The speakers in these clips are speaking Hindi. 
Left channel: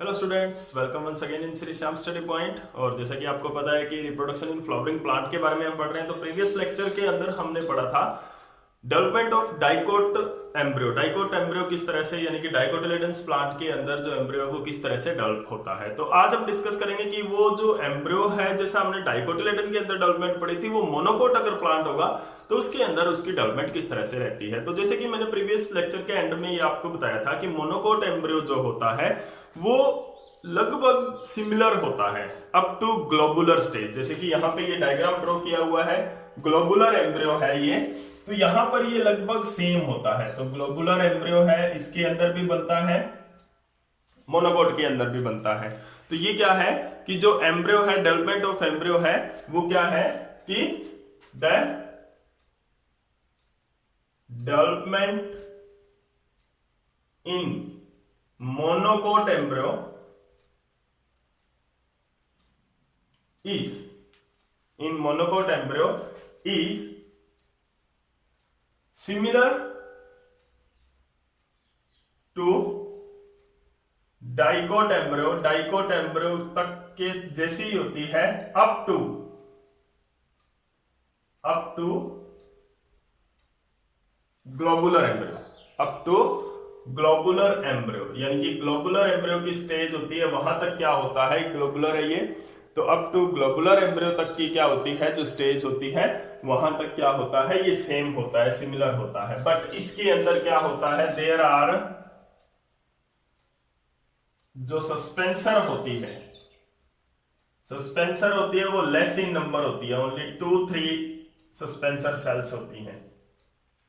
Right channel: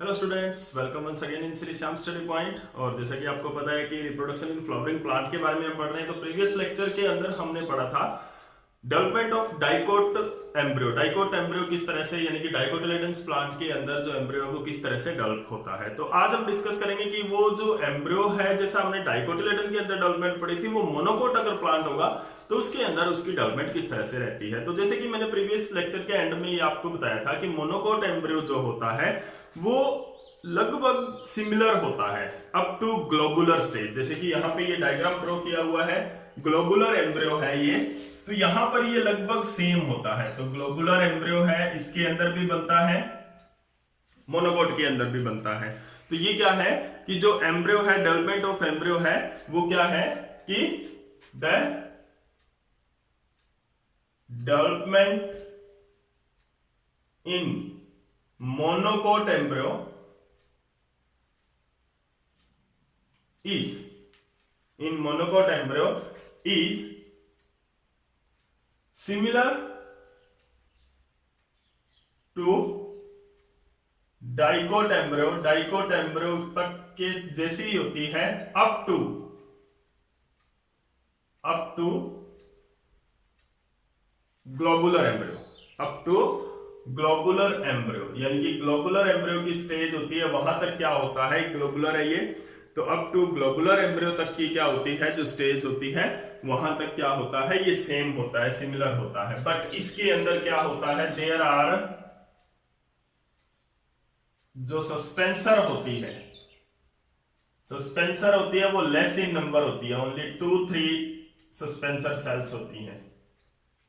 Hello students, welcome once again in Shri Shyam study point. और जैसा कि आपको पता है कि रिप्रोडक्शन इन फ्लावरिंग प्लांट के बारे में हम पढ़ रहे हैं, तो प्रीवियस लेक्चर के अंदर हमने पढ़ा था development of dicot embryo. Dicot embryo किस तरह से, यानी कि डाइकोटिलेडन्स प्लांट के अंदर जो एम्ब्रियो है वो किस तरह से डेवलप होता है। तो आज हम डिस्कस करेंगे कि वो जो एम्ब्रियो है, जैसा हमने डाइकोटिलेडन के अंदर डेवलपमेंट पढ़ी थी, वो मोनोकोट अगर प्लांट होगा तो उसके अंदर उसकी डेवलपमेंट किस तरह से रहती है। तो जैसे कि मैंने प्रीवियस लेक्चर के एंड में ये आपको बताया था कि मोनोकोट एम्ब्रियो जो होता है वो लगभग सिमिलर होता है अप टू ग्लोबुलर स्टेज। जैसे कि यहाँ पे ये डायग्राम ड्रॉ किया हुआ है, ग्लोबुलर एम्ब्रियो है ये, तो यहां पर ये लगभग सेम होता है। तो ग्लोबुलर एम्ब्रियो है, इसके अंदर भी बनता है, मोनोकोट के अंदर भी बनता है। तो ये क्या है कि जो एम्ब्रियो है, डेवलपमेंट ऑफ एम्ब्रियो है, वो क्या है कि the development in monocot embryo is in monocote embryo is similar to dicot embryo. Dicot embryo तक के जैसी होती है up to globular embryo, up to globular embryo. यानी कि ग्लोबुलर एम्ब्रियो की स्टेज होती है, वहां तक क्या होता है, ग्लोबुलर है ये, तो अप टू ग्लोबुलर एम्ब्रियो तक की क्या होती है, जो स्टेज होती है, वहां तक क्या होता है, ये सेम होता है, सिमिलर होता है। बट इसके अंदर क्या होता है, देयर आर जो सस्पेंसर होती है, सस्पेंसर होती है वो लेस इन नंबर होती है, ओनली 2-3 सस्पेंसर सेल्स होती हैं।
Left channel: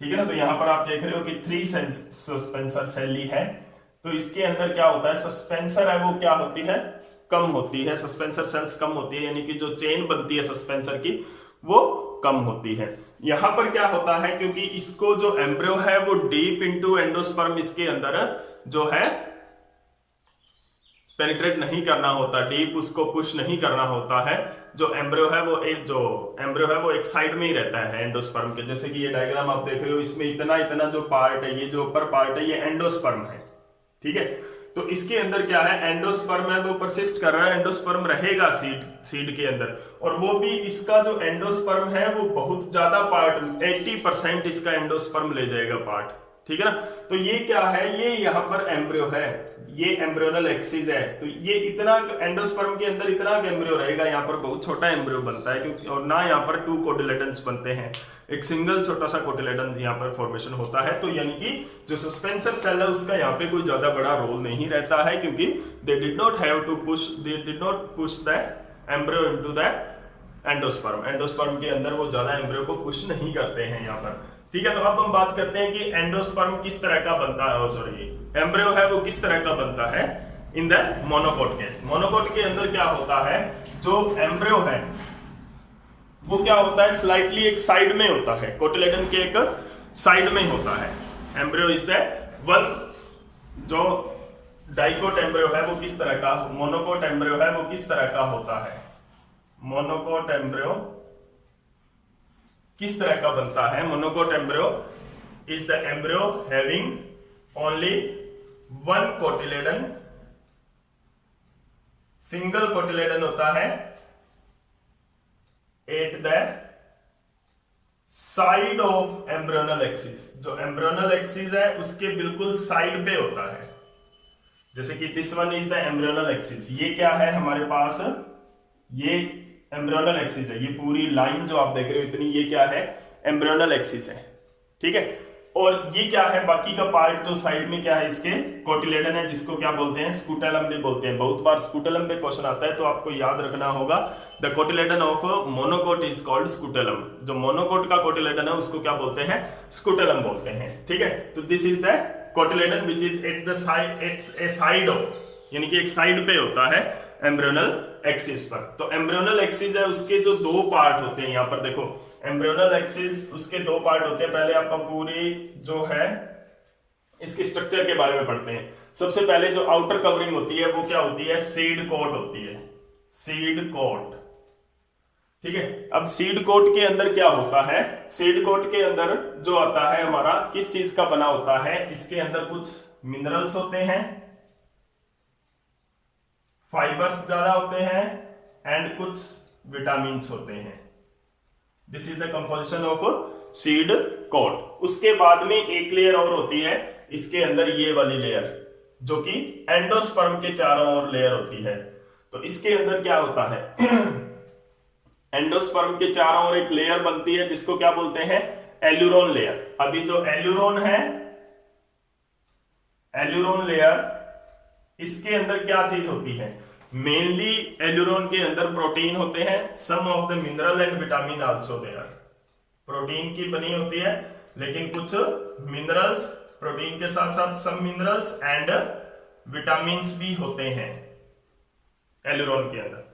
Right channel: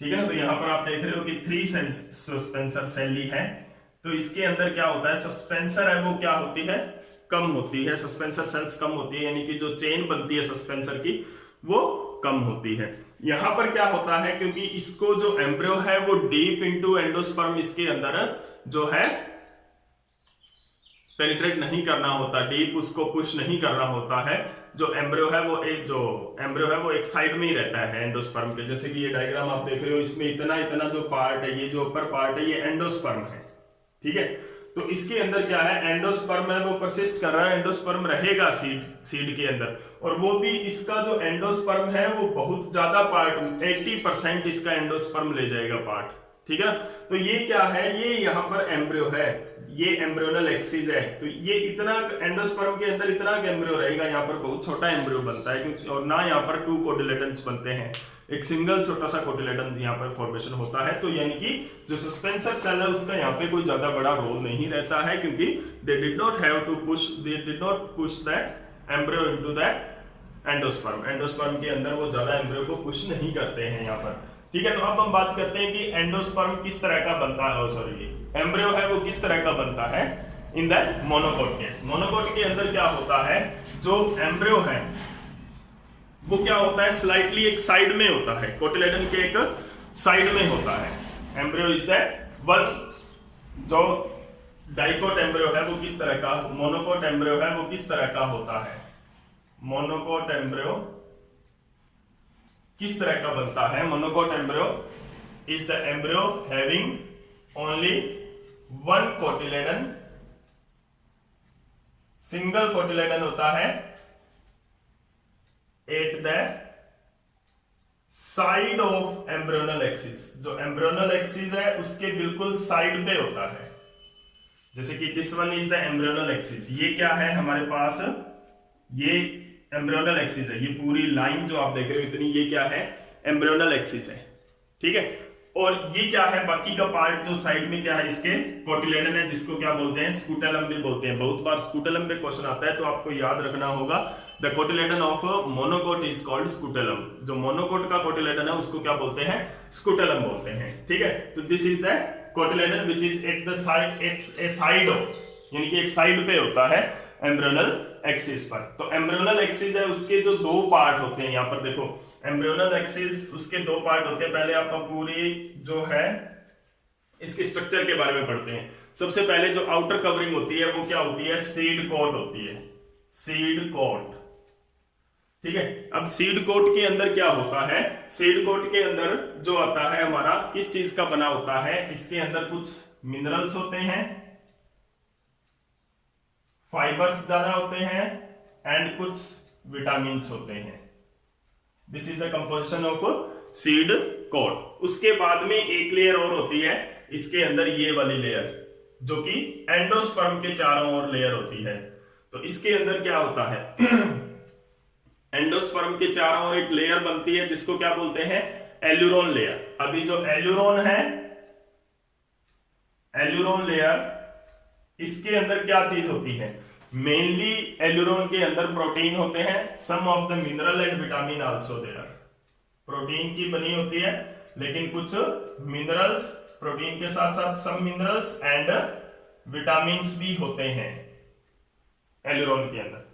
ठीक है ना। तो यहां पर आप देख रहे हो कि 3 सस्पेंसर सेल ही है। तो इसके अंदर क्या होता है, सस्पेंसर है वो क्या होती है, कम होती है, सस्पेंसर सेल्स कम होती है, यानी कि जो चेन बनती है सस्पेंसर की वो कम होती है। यहां पर क्या होता है, क्योंकि इसको जो एम्ब्रियो है वो डीप इनटू एंडोस्पर्म इसके अंदर जो है पेनिट्रेट नहीं करना होता, डीप उसको पुश नहीं करना होता है। जो एम्ब्रियो है वो एक साइड में ही रहता है एंडोस्पर्म के। जैसे कि ये डायग्राम आप देख रहे हो, इसमें इतना इतना जो पार्ट है, ये जो ऊपर पार्ट है, ये एंडोस्पर्म है। ठीक है। तो इसके अंदर क्या है, एंडोस्पर्म है वो परसिस्ट कर रहा है, एंडोस्पर्म रहेगा सीड के अंदर। और वो भी इसका जो एंडोस्पर्म है वो बहुत ज्यादा पार्ट, 80% इसका एंडोस्पर्म ले जाएगा पार्ट। ठीक है ना। तो ये क्या है, ये यहाँ पर एम्ब्रियो है, ये एम्ब्रियोनल एक्सिस है। तो ये इतना एंडोस्पर्म के अंदर इतना एम्ब्रियो रहेगा, यहाँ पर बहुत छोटा एम्ब्रियो बनता है, क्योंकि और ना यहाँ पर 2 कोटिलेडन्स बनते हैं, एक सिंगल छोटा सा कोटिलेडन यहाँ पर फॉर्मेशन होता है। तो यानी कि जो सस्पेंसर सेल है उसका यहाँ पे कोई ज्यादा बड़ा रोल नहीं रहता है, क्योंकि they did not push the embryo into the endosperm. Endosperm के अंदर वो ज्यादा एम्ब्रियो को पुश नहीं करते हैं यहाँ पर। ठीक है। तो अब हम बात करते हैं कि एंडोस्पर्म किस तरह का बनता है, सॉरी एम्ब्रियो है वो किस तरह का बनता है in the monocot case. Monocot के अंदर क्या होता है, जो एम्ब्रियो है वो क्या होता है, स्लाइटली एक साइड में होता है, कोटिलेडन के एक साइड में होता है एम्ब्रियो। इज वन जो डाइकोट एम्ब्रियो है वो किस तरह का, मोनोकोट एम्ब्रियो है वो किस तरह का होता है, मोनोकोट एम्ब्रियो किस तरह का बनता है। Monocot embryo is the embryo having only 1 cotyledon, single cotyledon होता है at the side of embryonal axis. जो एम्ब्रियोनल एक्सिस है उसके बिल्कुल साइड पे होता है। जैसे कि this one is the embryonal axis, ये क्या है हमारे पास, ये एम्ब्रियोनल एक्सिस है, ये पूरी लाइन जो आप देख रहे हो इतनी, ये क्या है, एम्ब्रियोनल एक्सिस है। ठीक है। और ये क्या है, बाकी का पार्ट जो साइड में क्या है, इसके कोटिलेडन है, जिसको क्या बोलते हैं, स्कूटेलम भी बोलते हैं। बहुत बार स्कूटेलम पे क्वेश्चन आता है, तो आपको याद रखना होगा the cotyledon of monocot is called scutellum. जो मोनोकोट का कोटिलेडन है उसको क्या बोलते हैं, स्कूटेलम बोलते हैं। ठीक है। तो this is the cotyledon which is at the side of, यानी कि एक साइड पे होता है एम्ब्रियोनल एक्सिस पर। तो एम्ब्रियोनल एक्सिस है, उसके जो 2 पार्ट होते हैं, यहाँ पर देखो एम्ब्रियोनल एक्सिस उसके 2 पार्ट होते हैं। पहले आपका पूरी जो है इसके स्ट्रक्चर के बारे में पढ़ते हैं। सबसे पहले जो आउटर कवरिंग होती है वो क्या होती है, सीड कोट होती है, सीड कोट। ठीक है। अब सीड कोट के अंदर क्या होता है, सीड कोट के अंदर जो आता है हमारा किस चीज का बना होता है, इसके अंदर कुछ मिनरल्स होते हैं, फाइबर्स ज्यादा होते हैं एंड कुछ विटामिन होते हैं। This is the composition of seed coat. उसके बाद में एक लेयर और होती है इसके अंदर, ये वाली लेयर जो कि एंडोस्पर्म के चारों ओर लेयर होती है। तो इसके अंदर क्या होता है एंडोस्पर्म के चारों ओर एक लेयर बनती है जिसको क्या बोलते हैं, एल्यूरोन लेयर। अभी जो एल्यूरोन है, एल्यूरोन लेयर, इसके अंदर क्या चीज होती है, मेनली एल्यूरोन के अंदर प्रोटीन होते हैं, some of the mineral and vitamin also there. Protein की बनी होती है लेकिन कुछ मिनरल्स, प्रोटीन के साथ साथ सम मिनरल्स एंड विटामिन भी होते हैं एल्यूरोन के अंदर।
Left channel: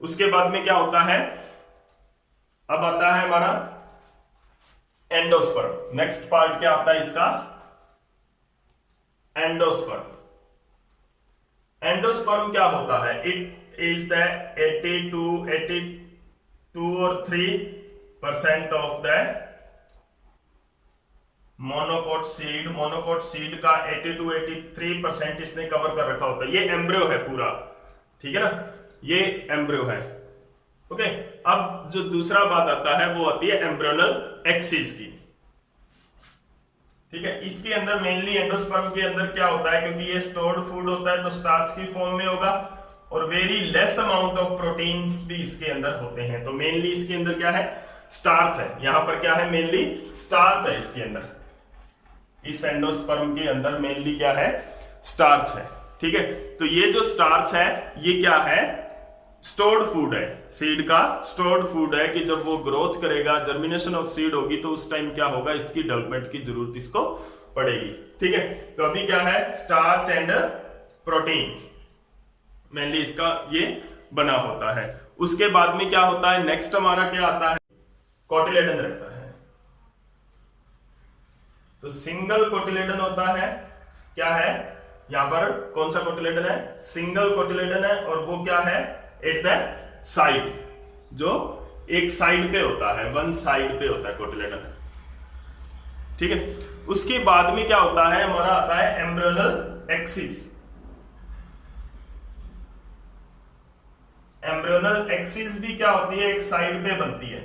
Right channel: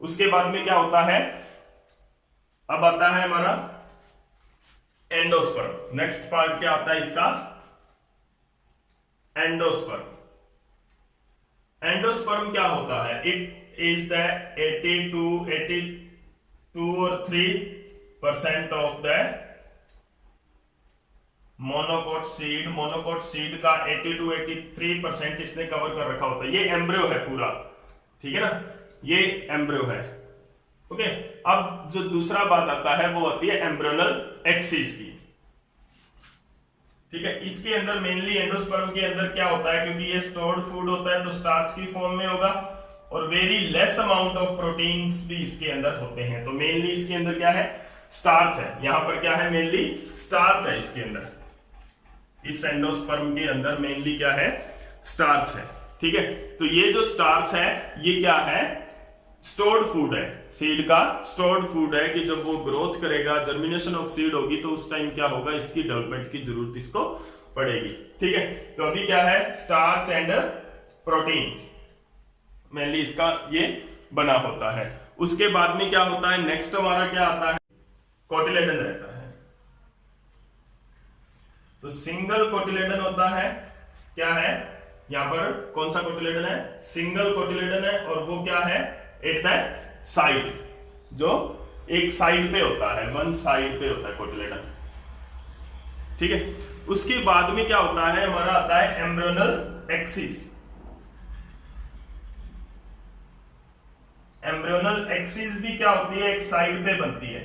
उसके बाद में क्या होता है, अब आता है हमारा एंडोस्पर्म। नेक्स्ट पार्ट क्या आता है इसका, एंडोस्पर्म। एंडोस्पर्म क्या होता है, इट इज द 82 और 3% of the monocot seed. Monocot seed का 82-83% इसने कवर कर रखा होता है। ये एम्ब्रियो है पूरा, ठीक है ना, ये एम्ब्रियो है। ओके, अब जो दूसरा बात आता है वो आती है एम्ब्रियोनल एक्सिस की, ठीक है। इसके अंदर मेनली एंडोस्पर्म के अंदर क्या होता है, क्योंकि ये स्टोर्ड फूड होता है तो स्टार्च की फॉर्म में होगा और very less amount of proteins भी इसके अंदर होते हैं। तो मेनली इसके अंदर क्या है, स्टार्च है। यहां पर क्या है, मेनली स्टार्च है इसके अंदर। इस एंडोस्पर्म के अंदर मेनली क्या है, स्टार्च है, ठीक है। तो ये जो स्टार्च है ये क्या है, स्टोर्ड फूड है, सीड का स्टोर्ड फूड है कि जब वो ग्रोथ करेगा, जर्मिनेशन ऑफ सीड होगी तो उस टाइम क्या होगा, इसकी डेवलपमेंट की जरूरत इसको पड़ेगी, ठीक है। तो अभी क्या है, स्टार्च एंड प्रोटीन्स मेनली इसका ये बना होता है। उसके बाद में क्या होता है, नेक्स्ट हमारा क्या आता है, कोटिलेडन रहता है। तो सिंगल कोटिलेडन होता है, क्या है यहां पर, कौन सा कोटिलेडन है, सिंगल कोटिलेडन है, और वो क्या है, एट द साइड, जो एक साइड पे होता है, वन साइड पे होता है कोटिलेडन, ठीक है। उसके बाद में क्या होता है, हमारा आता है एम्ब्रियोनल एक्सिस। एम्ब्रियोनल एक्सिस भी क्या होती है, एक साइड पे बनती है।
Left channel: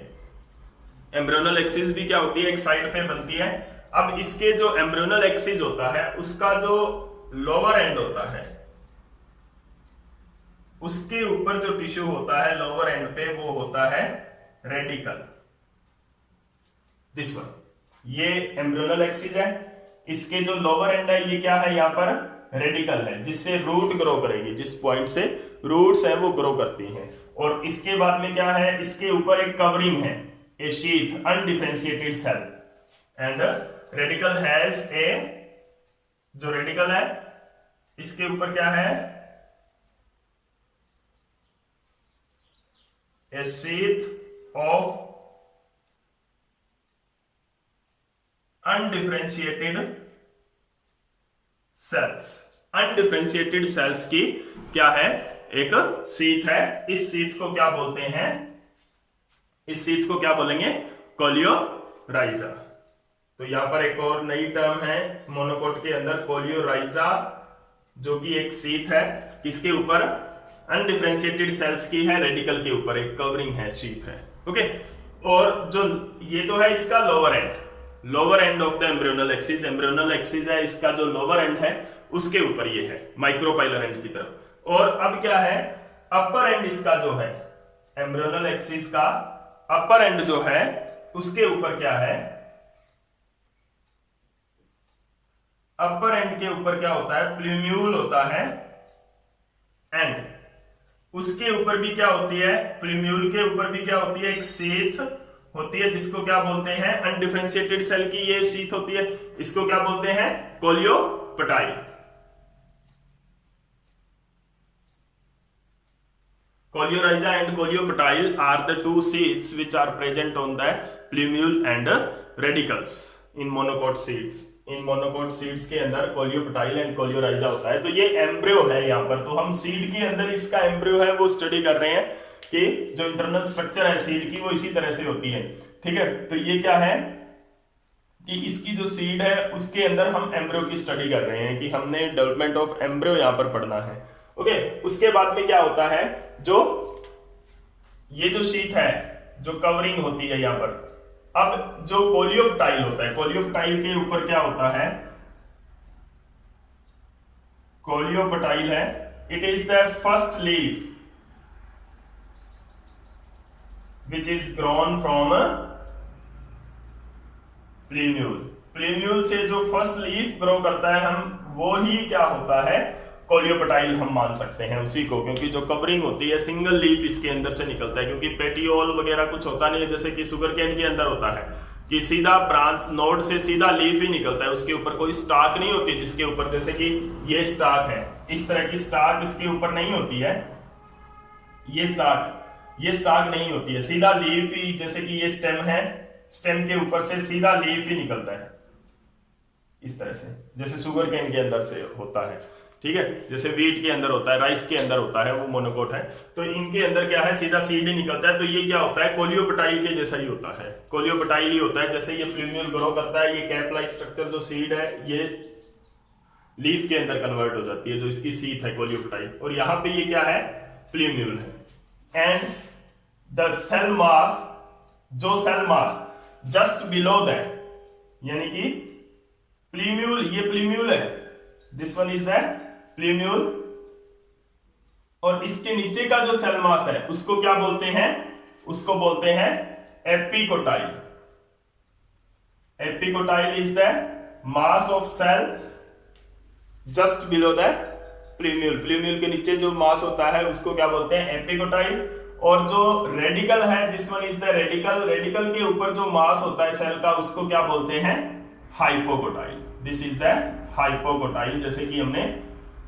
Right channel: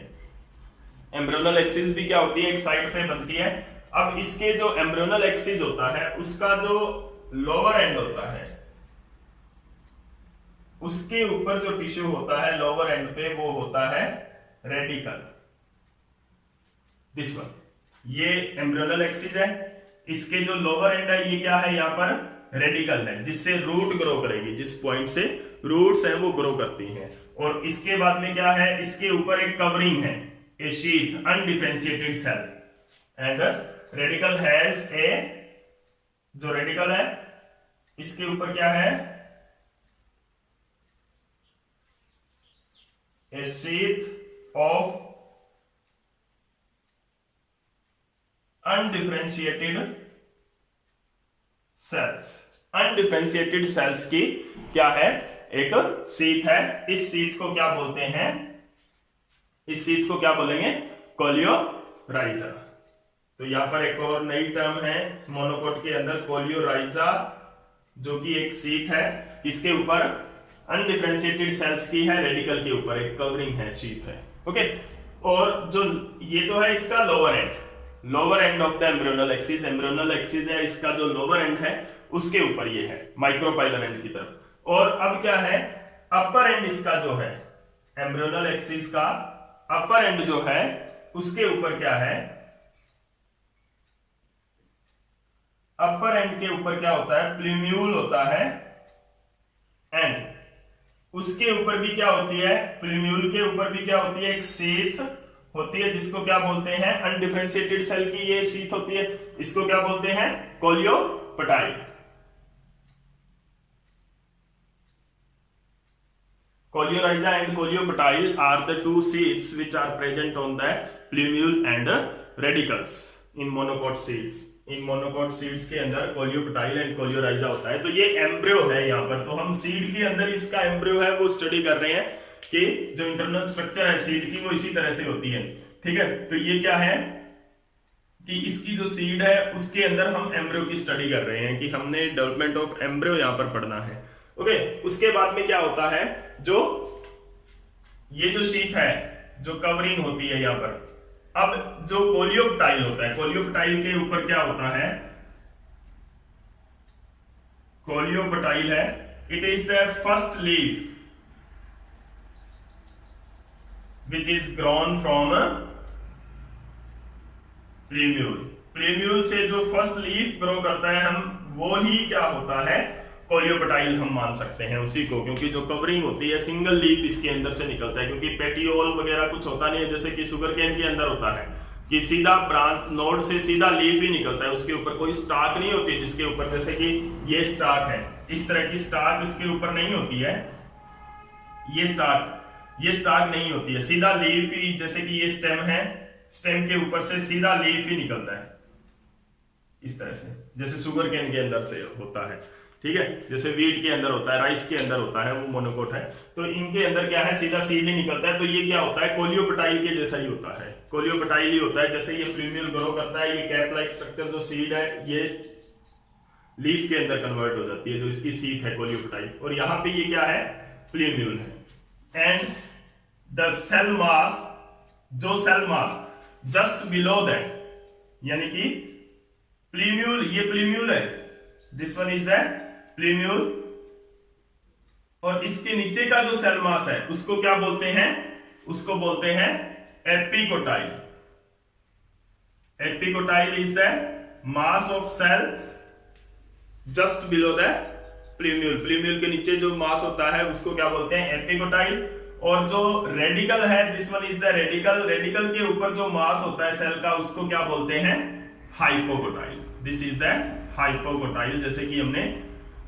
एम्ब्रियोनल एक्सिस भी क्या होती है, एक साइड पे बनती है। अब इसके जो एम्ब्रियोनल एक्सिस होता है उसका जो लोअर एंड होता है, उसके ऊपर जो टिश्यू होता है लोअर एंड पे, वो होता है रेडिकल। दिस वन, ये एम्ब्रियोनल एक्सिस है, इसके जो लोअर एंड है ये क्या है, यहां पर रेडिकल है, जिससे रूट ग्रो करेगी, जिस पॉइंट से रूट्स है वो ग्रो करती हैं। और इसके बाद में क्या है, इसके ऊपर एक कवरिंग है, a sheath, undifferentiated cell, and radicle has a, जो रेडिकल है इसके ऊपर क्या है, a sheath of undifferentiated cells। Undifferentiated cells की क्या है, एक शीथ है। इस शीथ को क्या बोलते हैं, इस शीथ को क्या बोलेंगे, कोलियोराइजा। तो यहां पर एक और नई टर्म है मोनोकोट के अंदर, कोलियोराइजा, जो कि एक शीथ है, किसके ऊपर, अनडिफरेंशिएटेड सेल्स की है, रेडिकल के ऊपर एक कवरिंग है, शीथ है, ओके। और जो ये तो है इसका lower and, lower end of the embryonal axis. Embryonal axis है, इसका जो लोअर एंड है उसके ऊपर ये है, माइक्रोपाइलर एंड की तरफ। और अब क्या है, अपर एंड इसका जो है, एम्ब्रियोनल एक्सिस का अपर एंड जो है उसके ऊपर क्या है, अपर एंड के ऊपर क्या होता है, प्लूम्यूल होता है, एंड उसके ऊपर भी क्या होती है, प्लूम्यूल के ऊपर भी क्या होती है, एक शीथ होती है, जिसको क्या बोलते हैं, अनडिफरेंशिएटेड सेल की ये शीथ होती है, इसको क्या बोलते हैं, coleoptile. Coleorhiza and coleoptile are the two sheaths which are present on the plumule and radicals in monocot seeds। In monocot seeds के अंदर कोलियोपटाइल एंड कोलियोराइजा होता है। तो ये एम्ब्रियो है यहां पर, तो हम सीड के अंदर इसका एम्ब्रियो है वो स्टडी कर रहे हैं कि जो इंटरनल स्ट्रक्चर है सीड की वो इसी तरह से होती है, ठीक है। तो ये क्या है कि इसकी जो सीड है उसके अंदर हम एम्ब्रियो की स्टडी कर रहे हैं, कि हमने डेवलपमेंट ऑफ एम्ब्रियो यहां पर पढ़ना है। ओके, उसके बाद में क्या होता है, जो ये जो शीट है, जो कवरिंग होती है यहाँ पर, अब जो कोलियोप्टाइल होता है, कोलियोप्टाइल के ऊपर क्या होता है, कोलियोप्टाइल है, it is the first leaf which is grown from प्लीम्यूल। प्लीम्यूल से जो फर्स्ट लीफ ग्रो करता है, हम वो ही क्या होता है, कोलियोप्टाइल हम मान सकते हैं उसी को, क्योंकि जो कवरिंग होती है सिंगल लीफ इसके अंदर से निकलता है, क्योंकि पेटियोल वगैरह कुछ होता नहीं है, जैसे कि शुगर केन के अंदर होता है कि सीधा ब्रांच नोड से सीधा लीफ ही निकलता है, उसके ऊपर कोई स्टाक नहीं होती, जिसके ऊपर जैसे कि ये स्टाक है, इस तरह की स्टाक इसके ऊपर नहीं होती है, ये स्टाक नहीं होती है, सीधा लीफ ही, जैसे कि ये स्टेम है, स्टेम के ऊपर से सीधा लीफ ही निकलता है इस तरह से, जैसे शुगर केन के अंदर से होता है, ठीक है, जैसे वीट के अंदर होता है, राइस के अंदर होता है, वो मोनोकोट है, तो इनके अंदर क्या है, सीधा सीड ही निकलता है। तो ये क्या होता है, कोलियोप्टाइल के जैसा ही होता है, कोलियोप्टाइल ही होता है, जैसे ये प्लूम्यूल ग्रो करता है, ये कैप लाइक स्ट्रक्चर जो सीड है ये लीफ के अंदर कन्वर्ट हो जाती है, जो इसकी सीट है कोलियोप्टाइल, और यहाँ पे ये क्या है, प्लूम्यूल है। एंड द सेल मास, जो cell mass just below that, यानी कि प्लूम्यूल, ये प्लूम्यूल है, this one is that plumule, और इसके नीचे का जो सेल मास है उसको क्या बोलते हैं, उसको बोलते हैं epicotyl. Epicotyl is the mass of cell just below the plumule. Plumule के नीचे जो मास होता है उसको क्या बोलते हैं, एपिकोटाइल। और जो रेडिकल है, this one is the radical, radical के ऊपर जो मास होता है सेल का उसको क्या बोलते हैं, hypocotyl. This is the hypocotyl, जैसे कि हमने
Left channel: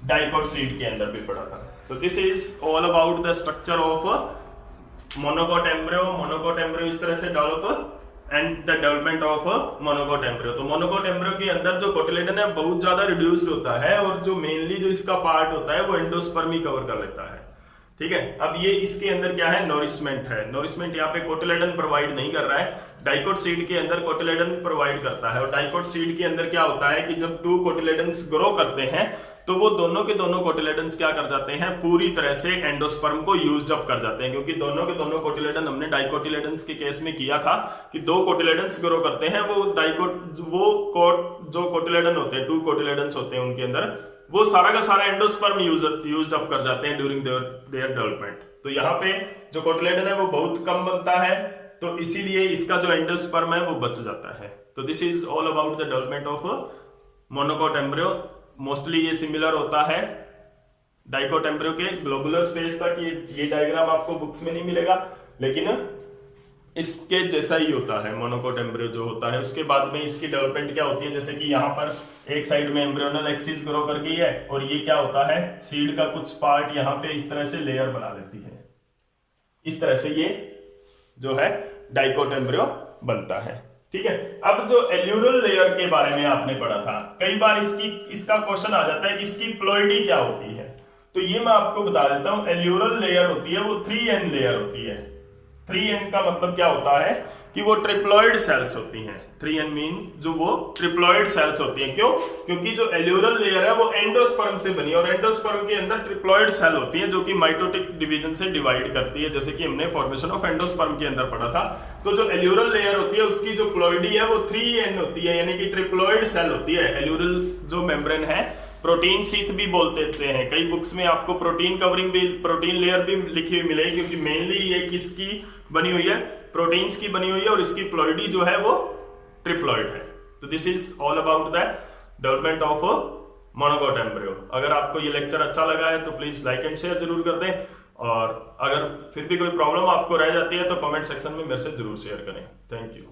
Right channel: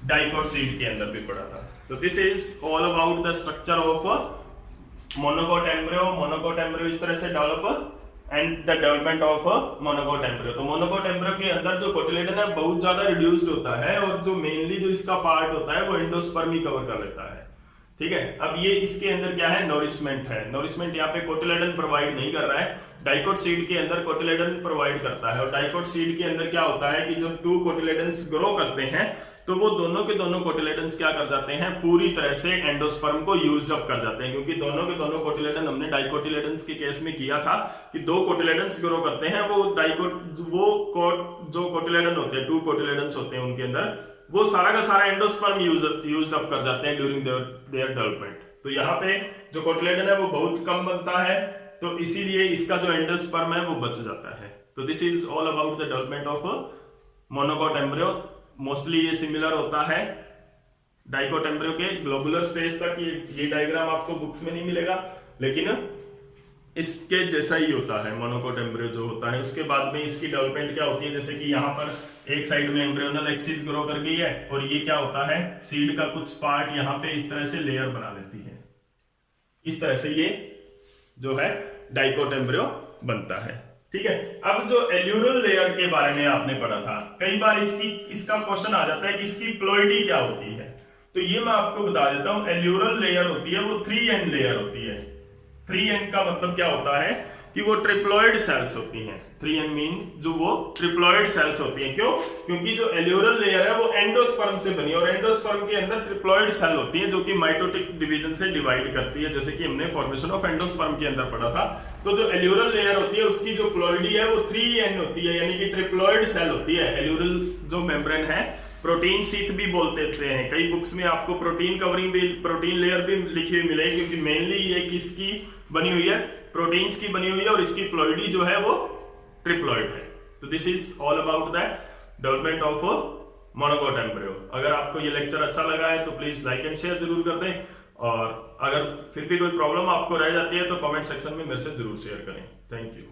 डाइकोट सीड के अंदर भी पढ़ा था। तो this is all about the structure of monocot embryo. Monocot embryo इस तरह से develop and the development of monocot embryo. तो मोनोकोट एम्ब्रियो के अंदर जो कोटिलेडन है बहुत ज्यादा रिड्यूस्ड होता है, और जो मेनली जो इसका पार्ट होता है वो एंडोस्पर्म ही कवर कर लेता है, ठीक है। अब ये इसके अंदर क्या है, नोरिशमेंट है। नोरिशमेंट यहाँ पे कोटिलेडन प्रोवाइड नहीं कर रहा है, डाइकोट सीड के अंदर कोटिलेडन प्रोवाइड करता है। और डाइकोट सीड के अंदर क्या होता है कि जब टू कोटिलेडन्स ग्रो करते हैं तो वो दोनों के दोनों कोटिलेडन्स क्या कर जाते हैं, पूरी तरह से एंडोस्पर्म को यूज्ड अप कर जाते हैं, क्योंकि दोनों के दोनों कोटिलेडन हमने डाइकोटिलेडन्स के केस में किया था कि दो कोटिलेडन्स ग्रो करते हैं, वो जो कोटिलेडन होते हैं, टू कोटिलेडन्स होते हैं उनके अंदर, वो सारा का सारा एंडोस्पर्म यूज्ड अप कर जाते हैं ड्यूरिंग देयर डेवलपमेंट। तो यहाँ पे जो कोटिलेडन है वो बहुत कम बनता है, तो इसीलिए इसका जो एंडोस्पर्म है वो बच जाता है। तो this is all about the development of monocot embryo. Mostly ये सिमिलर होता है डाइकोट एम्ब्रियो के ग्लोबुलर स्टेज तक। ये डायग्राम आपको बुक्स में नहीं मिलेगा, लेकिन इसके जैसा ही होता है मोनोकोट एम्ब्रियो जो होता है। उसके बाद में इसकी डेवलपमेंट क्या होती है, जैसे कि यहाँ पर एक साइड में एम्ब्रियोनल एक्सिस ग्रो कर गई है, और ये क्या होता है, सीड का कुछ पार्ट यहाँ पे इस तरह से लेयर बना लेती है, इस तरह से ये जो है डाइकोट एम्ब्रियो बनता है, ठीक है। अब जो एल्यूरल लेयर के बारे में आपने पढ़ा था, कई बार इसका क्वेश्चन आ जाता है कि इसकी प्लॉइडी क्या होती है, तो ये मैं आपको बता देता हूं। एल्यूरल लेयर होती है वो 3N लेयर होती है। 3N का मतलब क्या होता है कि वो ट्रिप्लॉइड सेल्स होती हैं। 3N मीन जो वो ट्रिप्लॉइड सेल्स होती हैं। क्यों? क्योंकि जो एल्यूरल लेयर है वो एंडोस्पर्म से बनी है, और एंडोस्पर्म के अंदर ट्रिप्लॉइड सेल होती है जो कि माइटोटिक डिवीजन से डिवाइड करती है, जैसे कि हमने फॉर्मेशन ऑफ एंडोस्पर्म के अंदर पढ़ा था। तो जो एल्यूरल लेयर होती है उसकी जो प्लॉइडी है वो 3N होती है, यानी कि ट्रिप्लॉइड सेल होती है। एल्यूरल जो मेम्ब्रेन है, प्रोटीन शीथ भी बोल देते हैं, कई बुक्स में आपको प्रोटीन कवरिंग भी, प्रोटीन लेयर भी लिखी हुई मिलेगी, क्योंकि मेनली ये किसकी बनी हुई है, प्रोटीन्स की बनी हुई है, और इसकी प्लॉइडी जो है वो ट्रिप्लॉइड है। तो this is all about the development of monocot embryo. अगर आपको ये लेक्चर अच्छा लगा है तो प्लीज लाइक एंड शेयर जरूर कर दें, और अगर फिर भी कोई प्रॉब्लम आपको रह जाती है तो कमेंट सेक्शन में मेरे से जरूर शेयर करें। Thank you.